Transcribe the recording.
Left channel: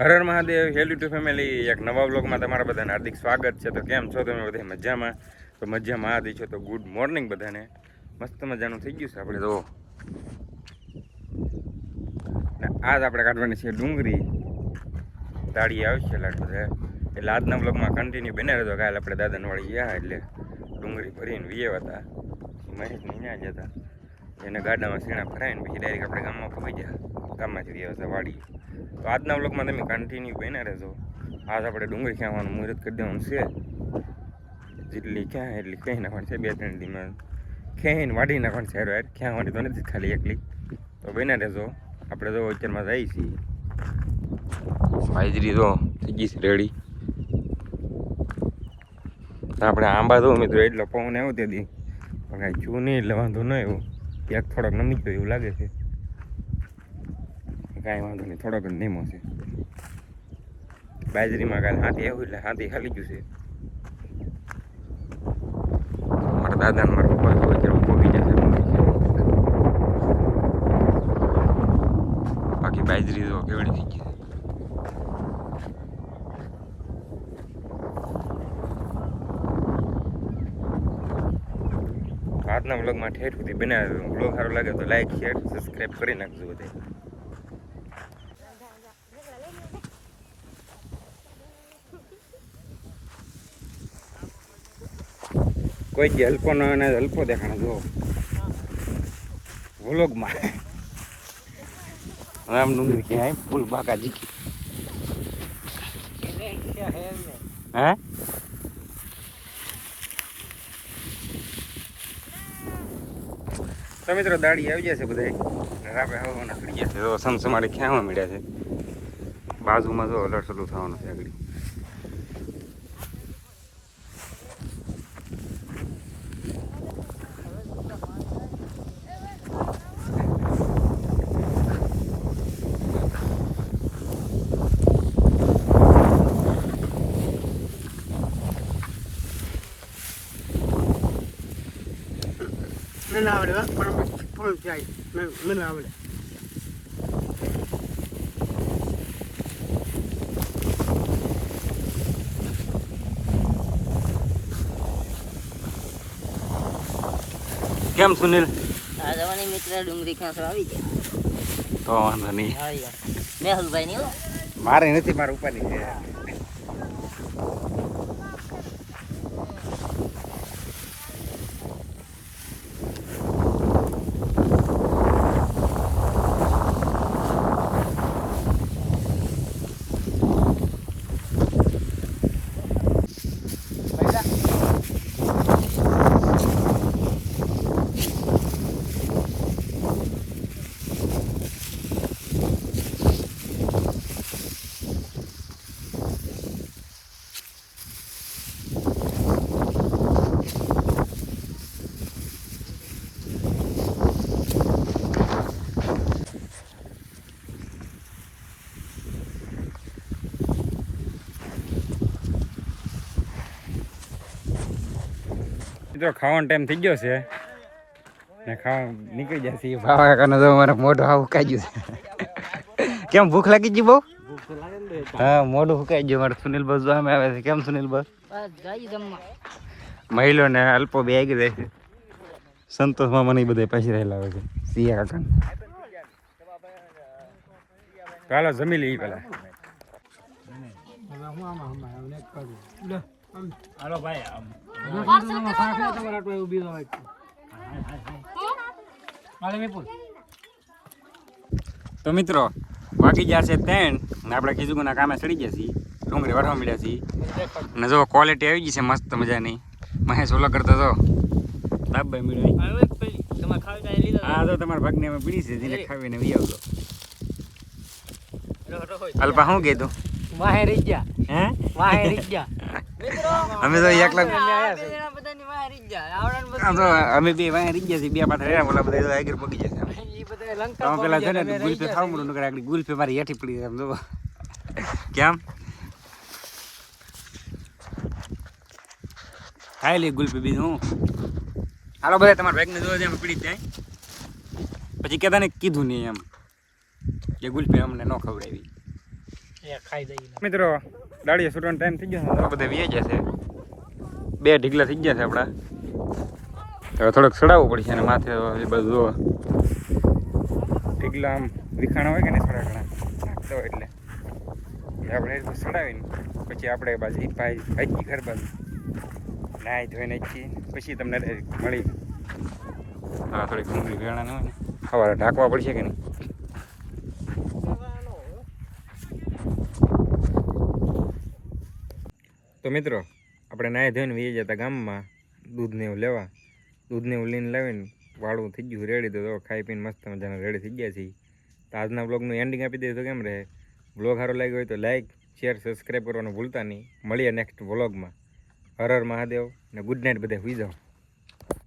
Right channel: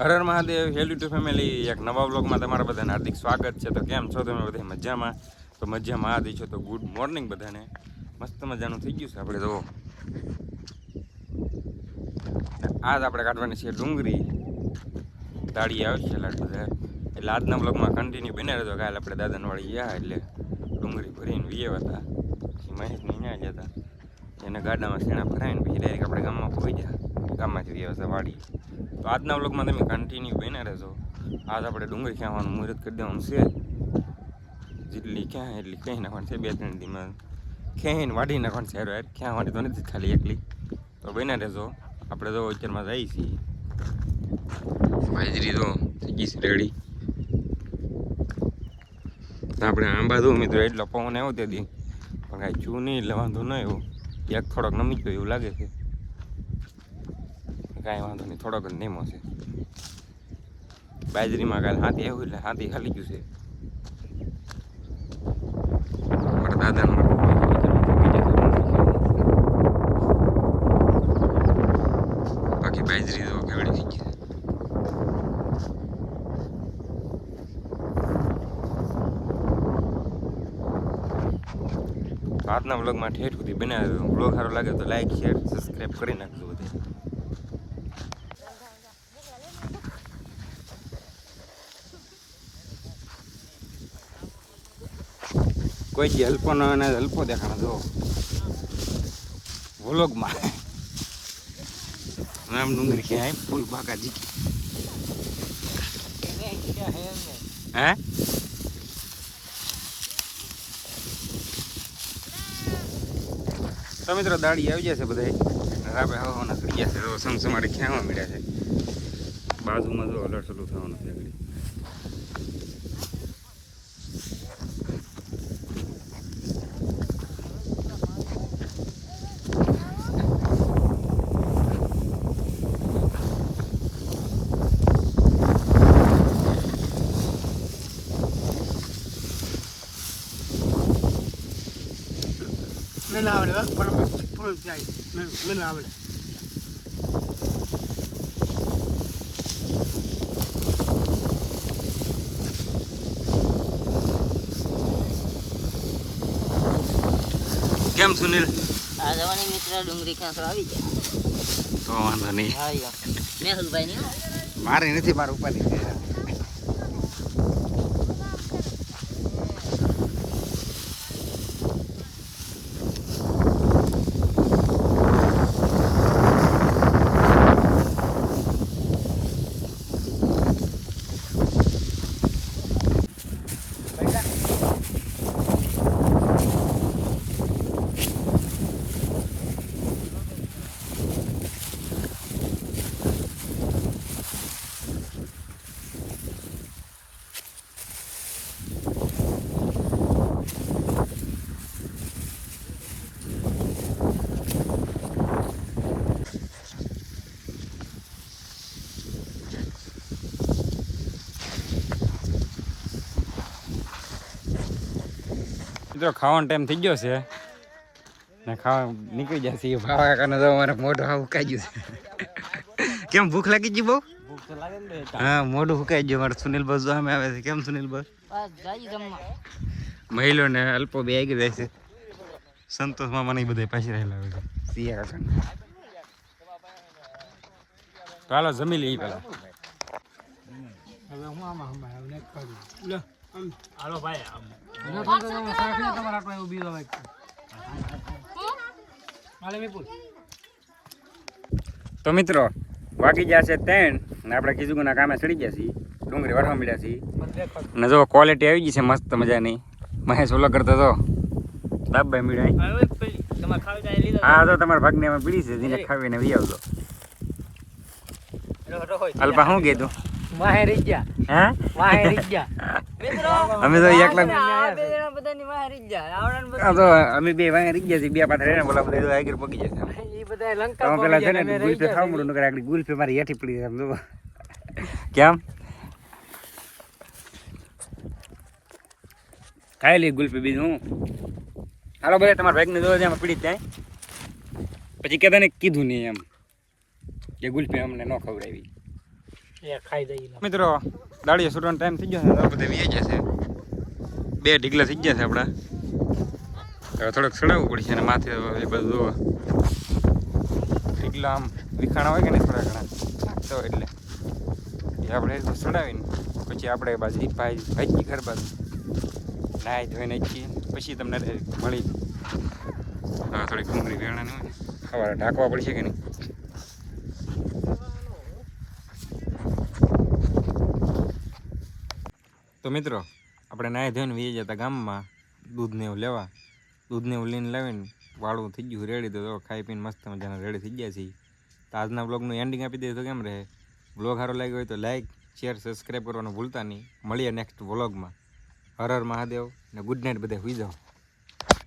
Har Har Mahadev hello to family એક નવા વ્લોગમાં તમારા બધાને હાર્દિક સ્વાગત છે. તો કેમ છો તમે બધા? મજામાં? તો મજામાં આદિ છો તો ગુડ મોર્નિંગ બધાને. મસ્ત મજાનું થઈ ગયું છે આપણે તો. આજ આપણે કાઢવાની છે ડુંગળી. દાળી આવશે લાટ બધા એટલે આજના વ્લોગમાં કન્ટિન્યુ બને રહેતો. કાલે આપણે દાદાનવાળી ગયા એટલે ડુંગળી ભરીને વીએ હતા. મહેશની ત્યાં જતા એને ગાડામાં સીણા ભરાઈને પછી ડાયરેક્ટ આપણે ગામમાં પહોંચી ગયા. ગામમાંથી વીએ હતા વાડી. તો આજના વ્લોગમાં તમે કન્ટિન્યુ બન્યા રહેજો. આજ આપણે ડુંગળી ખાવાનું મુહૂર્ત કરી દેવાનું છે. જેટલી ક્યાં એટલી ક્યાંય નાખવાની છે. 2-3 દીમાં ક્યાંય વાઢી નાખવાની છે. યાર ક્યાંવાની તો નથી ખાલી એકલી. તો બન્યા રહેજો. આપણે તો અત્યારમાં જઈએ છીએ. હાજરી તો થઈ ગઈ છે રેડી. આપણે આંબા તો મિત્રો એટલો પવન આવ્યો તે દી પણ કાંઈ છું નહીં એટલે વાંધો ન આવ્યો. એક થોડોક નમી ગયો એવું લાગે છે. કાંઈ વાંધો નહીં, થોડોક જ નીમો છે. બાજરીમાં કાલે હાથી આવ્યું એટલે હાથી ખાલી ગયું છે. મારા દાદાને મારા બાકી બાજરી તો કેવડી થઈ ગઈ છે. આજના વ્લોગમાં ઠેઠ સુધી બનાવ્યો. વ્લોગ સારો લાગે તો લાઈક શેર સબસ્ક્રાઈબ કરી નાખજો બધે. કોઈ જે હલ્પો ન અને હલ્પો દેખાણ જો વ્લોગમાં રામ ડુંગળી ક્યાં ફૂલ બાકા જીકી હે તો મિત્રો દાડી આવી જશે બધા. રાબે હવાના ખડી જશે. તો સમસમાડી ખ્યામાં મળ્યા છે. બાજુમાં જો અલટસલું થવાનું છે આગળ. મને આવડે પણ ફૂલ જાય મને આવડે. કેમ સુનિલ? આ જવાની મિત્ર ડુંગળી ખાંસરો આવી ગયા. તો વાંધો નહીં. મેહુલભાઈ ની મારે નથી, મારે ઉપાડી છે. મિત્રો ખાવાનો ટાઈમ થઈ ગયો છે ને ખાવા નીકળી જશે. ભાવા કાકાને તો મારે મોઢું હા હુકાઈ ગયું છે. કેમ ભૂખ લાગી ગઈ બહુ? હા મોઢું હુકાઈ ગયું. મારે સુનિલ બસ સામે આવે છે. કેમ સુનિલ બસ? મહિલો ને અલ્પો બે આગળ રહે છે. સંતોષમાં મને બધા પાછી રહેલા આવે છે. સિયા કાકા તો હાલો જમી લઈએ પેલા. હાલો ભાઈ તો મિત્રો વાગી ગયા છે 3 ને આપણે કીધું કામે ચડી ગયા છીએ. ડુંગળી વરવા મળ્યા છીએ ને જો ક્વોલિટી આવી ગઈ છે મસ્ત મજાની. મહેશ ઓલો કરતો તો દાબભાઈ મીડાઈ. હા તો તમારા ભાગને એમાં પીડી છે. જેને ખાવીને વી આવજો. અલ્પા શું કીધું? વાહે રહી ગયા. હે વાહે રહી ગયા. અમે તો એકલા બધાની વાહ રહી ગયા. તો અમે બે વાંહે રહી ગયા છીએ. બે પાથરે બોલા બધા આગળ પગી જશે. એ બધા તમે પેલા છે ને ગુલફી ખાવ મળું નકર આગળ ગુલફી મારી હેઠી પડી એમ જો. કેમ ખાઈ લે ગુલફી બીજું. હાલો બધા તમારા ભાઈને જોડે એમાં પીડી જાય પછી કહેતા ને કીધું નહીં એમ કે ગુલફી અમને ન ખવડાવી. મિત્રો દાડીએ સુરવાનો ટાઈમ થઈ ગયો છે, બધા વી જશે. 2 ઢીકલા થઈ ગયા છે આપણા. હવે થોડોક સડાવવું પડશે અને માથે એ બધું જુઓ ઢીકલા આમ વિખાણા હોય કે ને થોડા ઘણા નાખતા હોય એટલે એ આપણે એ રીતે સડાવીને પછી આપણે બાજુ ભાજી ઘર બાજુ નાહી ધોઈને છીએ પછી તમને ડાયરેક્ટ મળી. હા થોડીક ડુંગળી વેણા ન હોય ને સવારે ઢાંકવા પડશે કે નહીં. તો મિત્રો આપણે નાહી ધોઈને વી જતા ગામમાં દૂધને એવું લેવા. દૂધને એવું લઈને લાવીને વાળું થઈ ગયું રેડી. તો ખાઈ પીને મસ્ત મજાના રેડી થઈ ગયા છીએ. તો આજના બ્લોગનું એન્ડિંગ આપી દઈએ તો કેમ રહે? બ્લોગ સારો લાગ્યો હોય તો લાઈક શેર સબસ્ક્રાઈબ કરવાનું ભૂલતા નહીં. મળીએ નેક્સ્ટ વ્લોગમાં. હર હર મહાદેવ ને ગુડ નાઇટ, બધા સુઈ જાઓ.